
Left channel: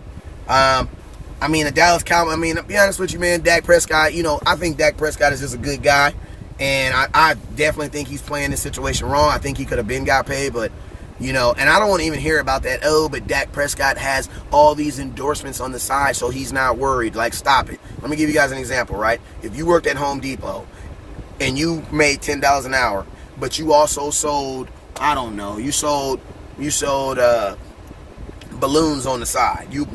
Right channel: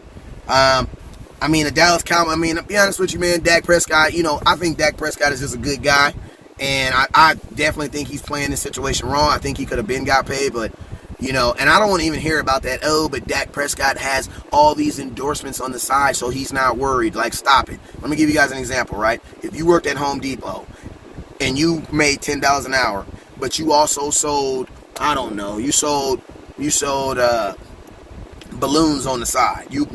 I mean, the Dallas Cowboys, I mean, to be honest with you, man, Dak Prescott, I think Dak Prescott is just a good guy. And I definitely think he's playing this situation wrong. I think he could have been got paid, but, and I don't want to even hear about that. Oh, but Dak Prescott has all these endorsements on the side, so he's not worried. Like, stop it. Let me give you guys an example, right? If you worked at Home Depot and you made $10 an hour, but you also sold, I don't know, you sold balloons on the side. You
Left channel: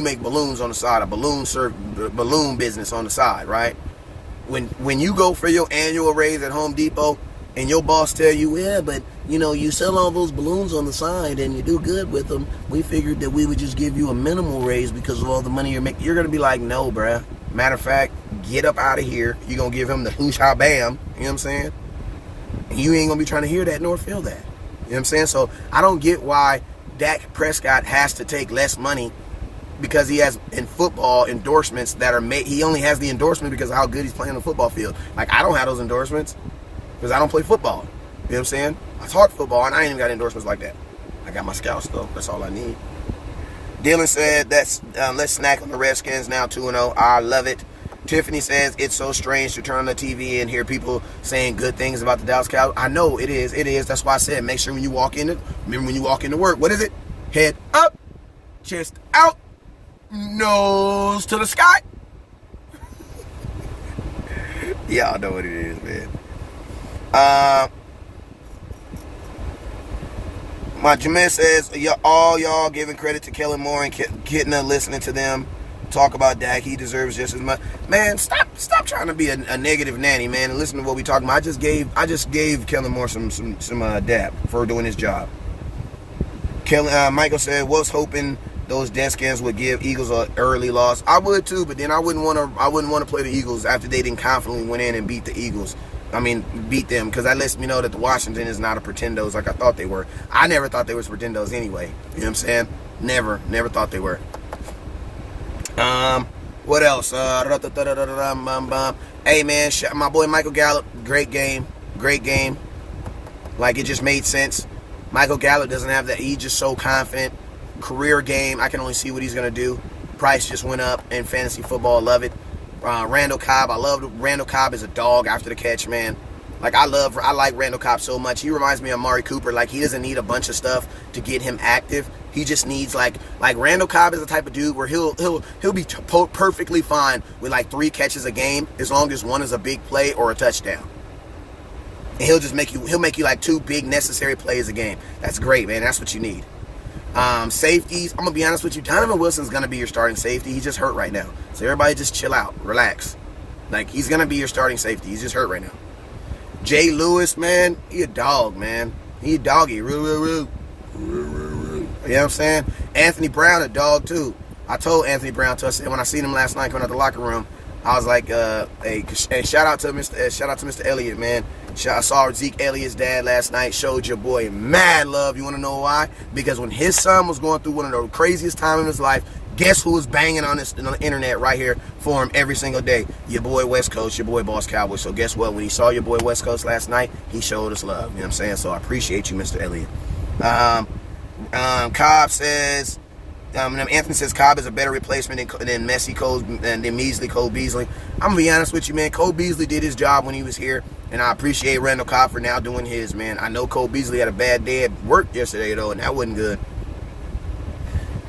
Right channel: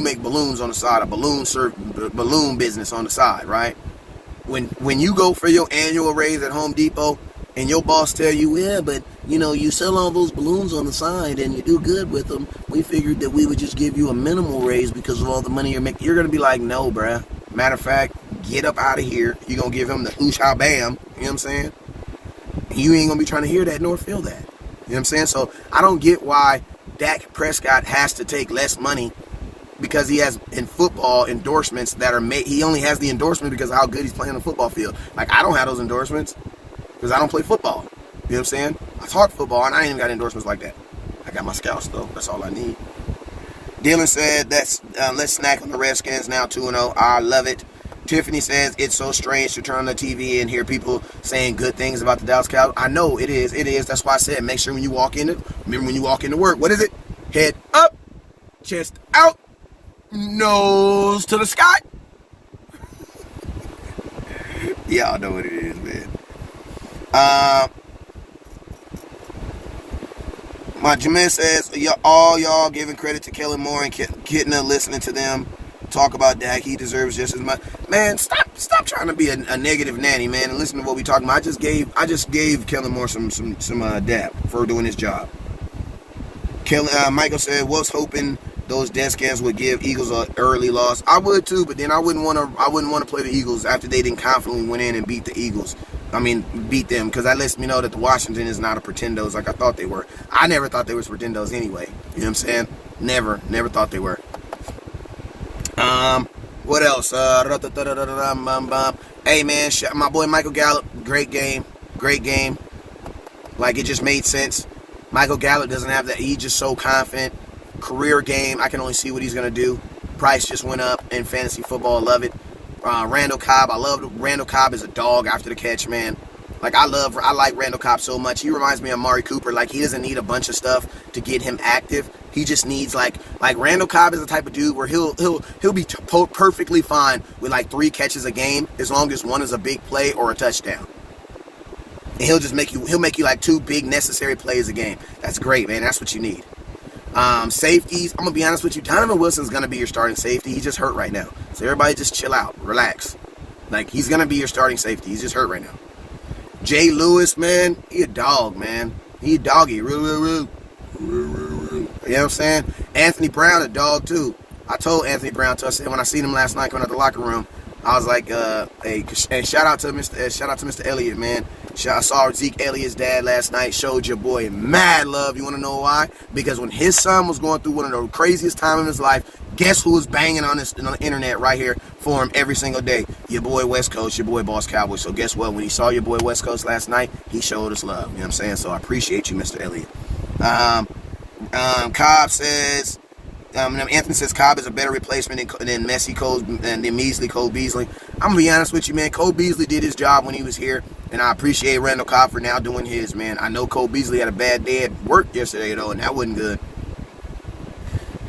make balloons on the side, a balloon business on the side, right? When you go for your annual raise at Home Depot and your boss tell you, yeah, but you sell all those balloons on the side and you do good with them, we figured that we would just give you a minimal raise because of all the money you're making. You're gonna be like, no, bruh. Matter of fact, get up out of here. You're gonna give him the whoosh ha bam. You know what I'm saying? And you ain't gonna be trying to hear that nor feel that. You know what I'm saying? So I don't get why Dak Prescott has to take less money because he has in football endorsements that are made. He only has the endorsement because of how good he's playing on the football field. Like, I don't have those endorsements because I don't play football. You know what I'm saying? I talk football and I ain't even got endorsements like that. I got my scouts though. That's all I need. Dylan said, let's snack on the Redskins now 2-0. I love it. Tiffany says, it's so strange to turn on the TV and hear people saying good things about the Dallas Cowboys. I know it is. It is. That's why I said, make sure when you walk in, remember when you walk into work, what is it? Head up, chest out, nose to the sky. Y'all know what it is, man. My Jameer says, all y'all giving credit to Kellen Moore and Kitna listening to them talk about Dak. He deserves just as much. Man, stop trying to be a negative nanny, man, and listen to what we talking about. I just gave Kellen Moore some dap for doing his job. Michael said, was hoping those Deadskins would give Eagles an early loss. I would too, but then I wouldn't want to play the Eagles after they didn't confidently went in and beat the Eagles. Beat them, because that lets me know that the Washington is not a pretendos like I thought they were. I never thought they was pretendos anyway. You know what I'm saying? Never thought they were. What else? Hey, man, my boy Michael Gallup, great game. Like, it just made sense. Michael Gallup doesn't have that. He's just so confident. Career game, I can only see what he's going to do. Price just went up in fantasy football. Love it. Randall Cobb, I love Randall Cobb as a dog after the catch, man. Like, I like Randall Cobb so much. He reminds me of Amari Cooper. Like, he doesn't need a bunch of stuff to get him active. He just needs, like Randall Cobb is the type of dude where he'll be perfectly fine with like 3 catches a game as long as one is a big play or a touchdown. And he'll make you like 2 big necessary plays a game. That's great, man. That's what you need. Safeties, I'm gonna be honest with you, Donovan Wilson's gonna be your starting safety. He's just hurt right now. So everybody just chill out, relax. Like, he's gonna be your starting safety. He's just hurt right now. Jay Lewis, man, he a dog, man. He a doggy. You know what I'm saying? Anthony Brown, a dog too. I told Anthony Brown, I said when I seen him last night coming out the locker room, I was like, hey, shout out to Mr. Elliott, man. I saw Zeke Elliott's dad last night. Showed your boy mad love. You want to know why? Because when his son was going through one of the craziest times in his life, guess who was banging on the internet right here for him every single day? Your boy West Coast, your boy Boss Cowboy. So guess what? When he saw your boy West Coast last night, he showed us love. You know what I'm saying? So I appreciate you, Mr. Elliott. Cobb says, Anthony says Cobb is a better replacement than measly Cole Beasley. I'm gonna be honest with you, man. Cole Beasley did his job when he was here, and I appreciate Randall Cobb for now doing his, man. I know Cole Beasley had a bad day at work yesterday though, and that wasn't good.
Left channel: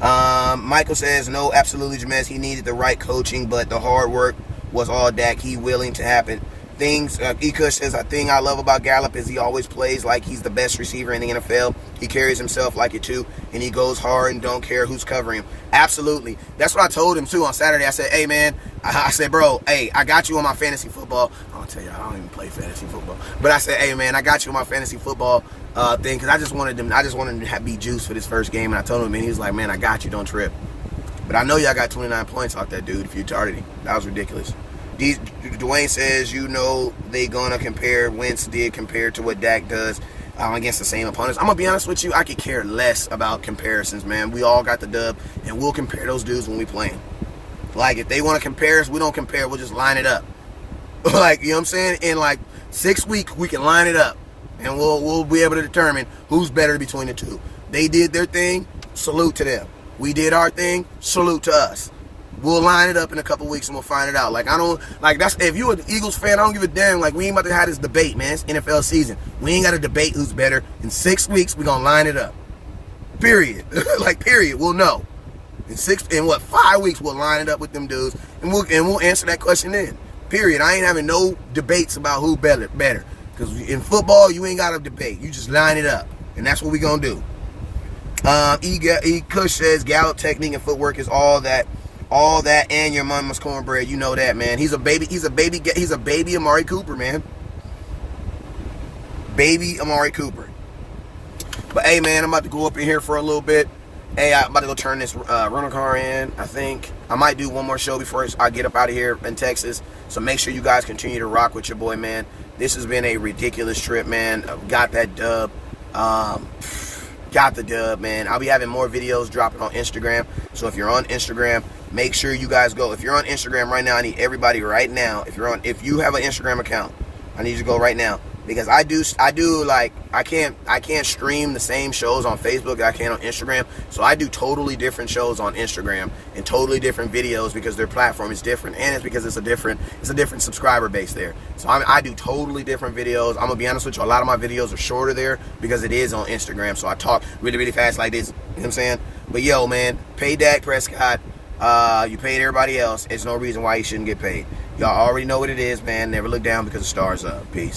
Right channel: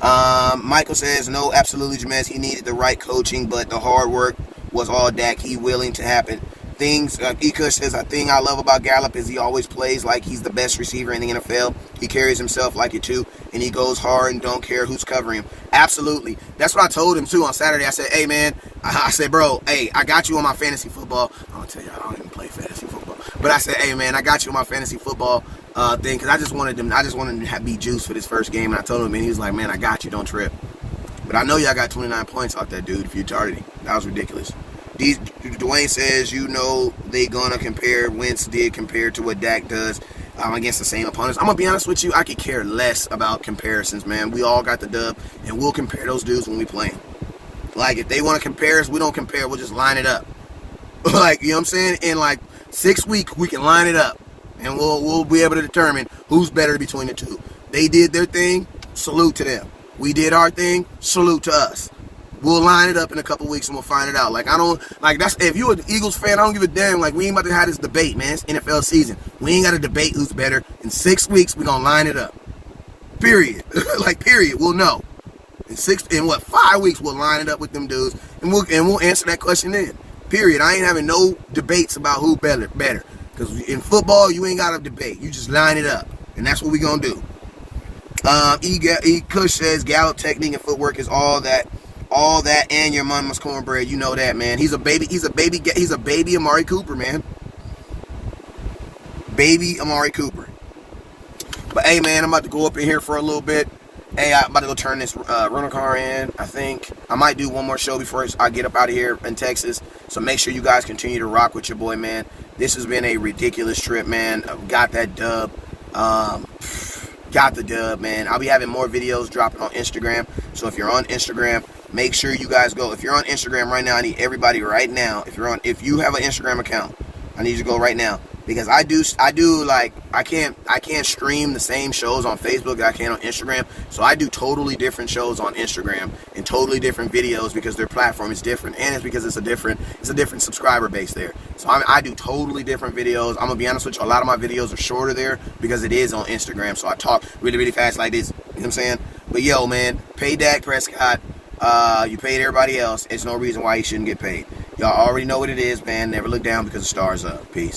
Michael says, no, absolutely, Jameez. He needed the right coaching, but the hard work was all Dak. He willing to happen. Ekush says, a thing I love about Gallup is he always plays like he's the best receiver in the NFL. He carries himself like it too, and he goes hard and don't care who's covering him. Absolutely. That's what I told him too on Saturday. I said, hey, man, I said, bro, hey, I got you on my fantasy football. I'm going to tell you, I don't even play fantasy football. But I said, hey, man, I got you on my fantasy football thing because I just wanted him to be juiced for this first game. And I told him, and he was like, man, I got you. Don't trip. But I know y'all got 29 points off that dude if you targeted him. That was ridiculous. Dwayne says, they gonna compare Wentz did compared to what Dak does against the same opponents. I'm gonna be honest with you, I could care less about comparisons, man. We all got the dub, and we'll compare those dudes when we play them. Like, if they want to compare us, we don't compare. We'll just line it up. Like, you know what I'm saying? In like 6 weeks, we can line it up, and we'll be able to determine who's better between the two. They did their thing, salute to them. We did our thing, salute to us. We'll line it up in a couple weeks and we'll find it out. Like, I don't, like, that's, if you're an Eagles fan, I don't give a damn. Like, we ain't about to have this debate, man. It's NFL season. We ain't got to debate who's better. In 6 weeks, we're going to line it up. Period. Like, period. We'll know. In 5 weeks, we'll line it up with them dudes, and we'll answer that question then. Period. I ain't having no debates about who better. Because in football, you ain't got to debate. You just line it up. And that's what we going to do. Kush says Gallup technique and footwork is all that, and your mama's cornbread. You know that, man. He's a baby Amari Cooper, man. Baby Amari Cooper. But hey, man, I'm about to go up in here for a little bit. Hey, I'm about to go turn this rental car in. I think I might do one more show before I get up out of here in Texas. So make sure you guys continue to rock with your boy, man. This has been a ridiculous trip, man. Got that dub. Got the dub, man. I'll be having more videos dropping on Instagram. So if you're on Instagram, make sure you guys go. If you're on Instagram right now, I need everybody right now. If you have an Instagram account, I need you to go right now. Because I do like, I can't stream the same shows on Facebook that I can on Instagram. So I do totally different shows on Instagram and totally different videos because their platform is different, and it's because it's a different subscriber base there. So I do totally different videos. I'm gonna be honest with you, a lot of my videos are shorter there because it is on Instagram. So I talk really fast like this. You know what I'm saying? But yo, man, pay Dak Prescott. You paid everybody else. It's no reason why you shouldn't get paid. Y'all already know what it is, man. Never look down because the stars up. Peace.